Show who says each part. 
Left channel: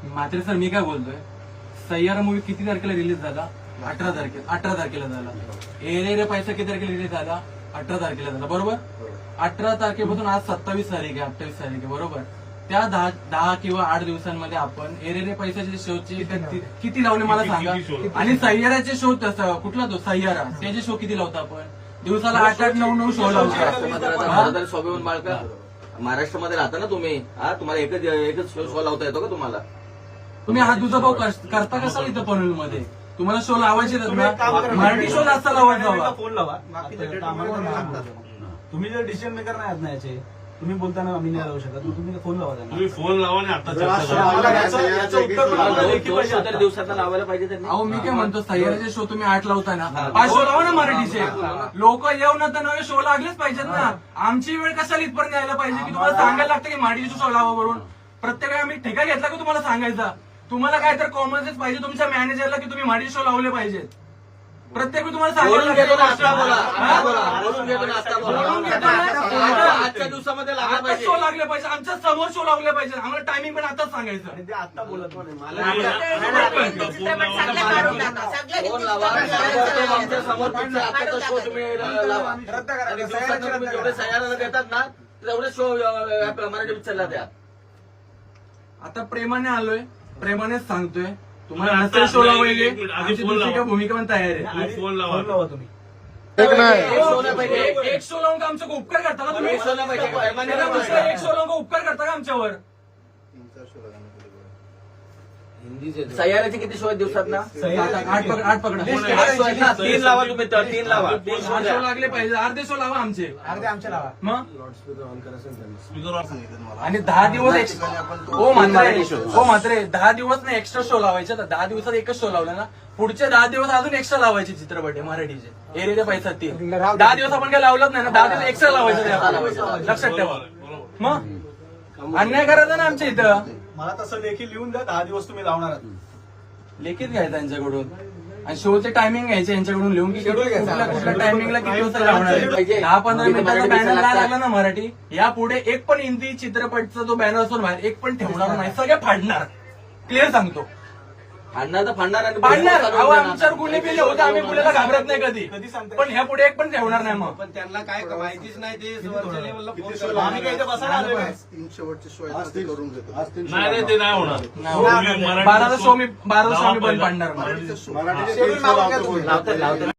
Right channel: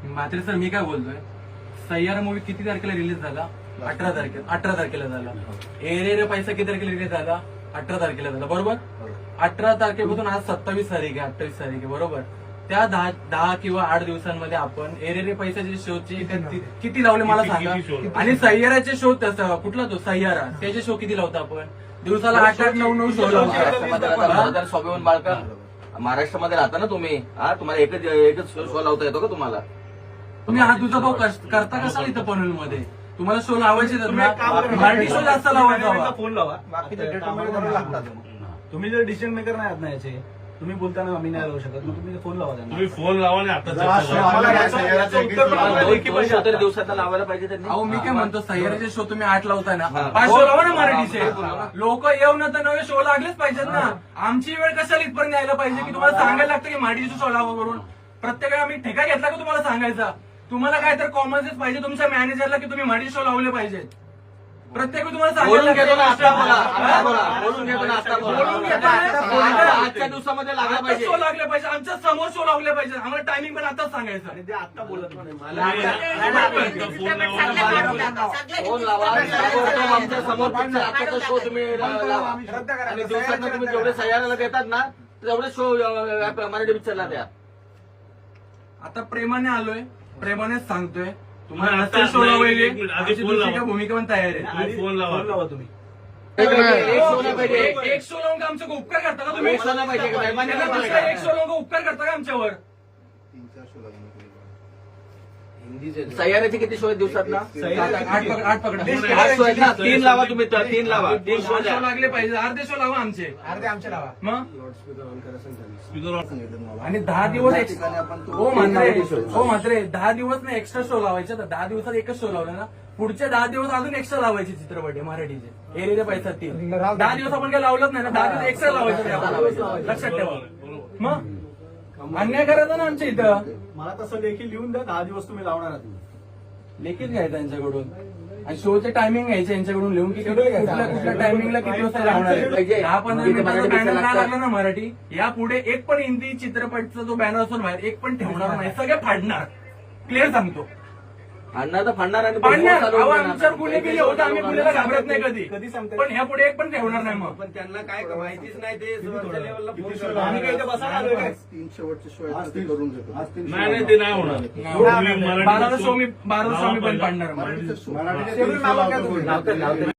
Speaker 1: मात्र सर मी काय बोलतोय, सय्यारा मूवी किती तारखेला रिलीज झाला? 18 तारखेला झाला. एरे रे पैसा किती तारखेला रिलीज झाला? 18 तारखेला झाला, बरोबर. 18 तारखेपासून आज 27 तारीख आहे, 28 तारीख आहे, बरोबर. त्या 10 किंवा 8 दिवसांमध्ये आपण एरे रे पैशाचे शोचे किती लावले मला सांगा. आणि सय्याराचे शो कुठला तो सय्यारा, त्याचे शो किती लावतो आपण? दिवसाला 8-9 शो लावतो.
Speaker 2: स्वाभिमान बाळका महाराष्ट्रामध्ये राहता ना तुम्ही, तुम्हाला एकच शो लावता येतो का तुम्हाला?
Speaker 1: तुम्ही हा तुझा भाऊ करता कसा इथं पनवेलमध्ये? तुम्हाला शो लावायचे मराठी शो जास्त लावायचा.
Speaker 3: फोन लावा. तुम्ही जर डिसिजन मेकर नाही आहात ना याचे, तुम्ही बोलताना आम्ही नाही लावू शकत, तुम्ही फोन लावा त्यांना.
Speaker 4: तुम्ही फोन लावा आणि आता
Speaker 2: दिवसाचा लावायला पाहिजे त्यांनी.
Speaker 1: अहो मी काय म्हणतो, सह्याद्रीचे शो तुम्ही 8 लावताय ना, 5 शो लावा ना मराठीचे. लोक येऊन आता नवे शो लागलेच पाहिजेत ना. आमची वेळ कशाला इथपर्यंत यायला पाहिजे की तुम्हाला सांगायला लागतं की मराठीचे शो लावा म्हणून? प्रत्येक वेळी आम्ही ठेका घेतला का तुम्हाला सांगायचा? तुम्हाला काय तर कॉमन सेन्स पाहिजे तुमच्या मॅनेजरला की तुम्ही मराठी शो लावले पाहिजेत. प्रत्येक वेळी तुम्हाला सांगायला
Speaker 2: आजच्या दिवसामध्ये लागला पाहिजे,
Speaker 1: शो लागले पाहिजे, आमच्या समोर शो लावले पाहिजे. आम्हाला टायमिंग पण आताच सांगायचं.
Speaker 3: आणि ते आता बोलत नाही.
Speaker 2: फोन लावा, आमच्या समोर आताचा शो तुम्ही लावा आणि दिवसात तुम्ही जेवढे सह्याला घेतात ना तेवढे शो मराठी पिक्चरला द्या.
Speaker 1: आता प्रेमाने आलोय, प्रेमानेच सांगतोय तुम्हाला
Speaker 4: आता
Speaker 1: नसेल शो लावले,
Speaker 4: एक मिनिट, आधी
Speaker 1: आमची
Speaker 4: फोन
Speaker 1: दुसरी
Speaker 4: लावा.
Speaker 1: काय भूमिका पण तयार आहे.
Speaker 4: फोन लावा.
Speaker 3: फोन लावा तुम्ही.
Speaker 2: एक शो नाही पाहिजे.
Speaker 1: एक शो लावून का आमचा उपकार करता का तुम्ही?
Speaker 2: एक शो नाही पाहिजे का? मेहरबानी नाही
Speaker 1: दुसरा
Speaker 2: पाहिजे.
Speaker 1: एक शो लावून का उपकार करता का आमच्यावर?
Speaker 2: सह्याद्रीचे किती शो आहेत दिवसात ना?
Speaker 1: 8 पकडा.
Speaker 2: 8 शो आहेत ना, 3 लावा तुम्ही, 3 लावा, 3 शो द्या.
Speaker 1: शो लागले पाहिजे, अर्धे शो लावा आमचे.
Speaker 3: अर्धे आमच्या लावा.
Speaker 1: मग
Speaker 4: स्पीकर
Speaker 5: सांगितलं मला.
Speaker 1: आणि 10 दिवस हो मात्र 10 दिवस ना एक्स्ट्रा शो लावायचे. 10 दिवसात एकच शो लावला ना, पुढचे 10 दिवस अजून एक्स्ट्रा लावायचे चित्रपट आहे मराठीचे. एरिया पैसा 3. 10 दिवस आपण काय लावलंच नाही ना, 10 दिवस एक्स्ट्रा लावायचे. लक्षात ठेवा. मग अन्याय करायचा ना आमच्या इथं.
Speaker 3: मला तसं लेखी लिहून द्या, 10 दिवस तुम्ही लावणार आहात.
Speaker 1: लेखीत घ्यायचं यांच्याकडून आणि शोचे टायमिंग घ्यायचे यांच्याकडून लिहून की कुठल्या टायमिंगला किती वाजता लावणार. 10-15 मिनिटाचा बॅनर काय लागला ना मराठी, यापुढे एक पण हिंदी चित्रपटचा जो बॅनर असतो बाहेर एक पण ठेवणार नाही, सगळे फाडणार. क्लिअर सांगतो.
Speaker 2: फाडणार तर फाडणार आणि
Speaker 1: अहो, आमच्यावर गुन्हे बिले होतं, आम्ही कुणाला घाबरत नाही कधी.
Speaker 3: कधी सांगताय?
Speaker 1: पण ह्या पुढे एक पण ठेवणार नाही. मग
Speaker 6: पण त्यांना काय माहितीच नाही, ते वरच्या लेवलला फोन
Speaker 3: किती
Speaker 6: करून
Speaker 3: आम्ही काय इथं बसायला आलोय काय?
Speaker 5: 3 शेवटचे शो आहेत ते करून घेतो.
Speaker 4: नाही ते नाही होणार.
Speaker 1: बाराचा शो मी बंद पाडणार.
Speaker 5: मराठीचे 3 शो लावतो.
Speaker 2: लावतो.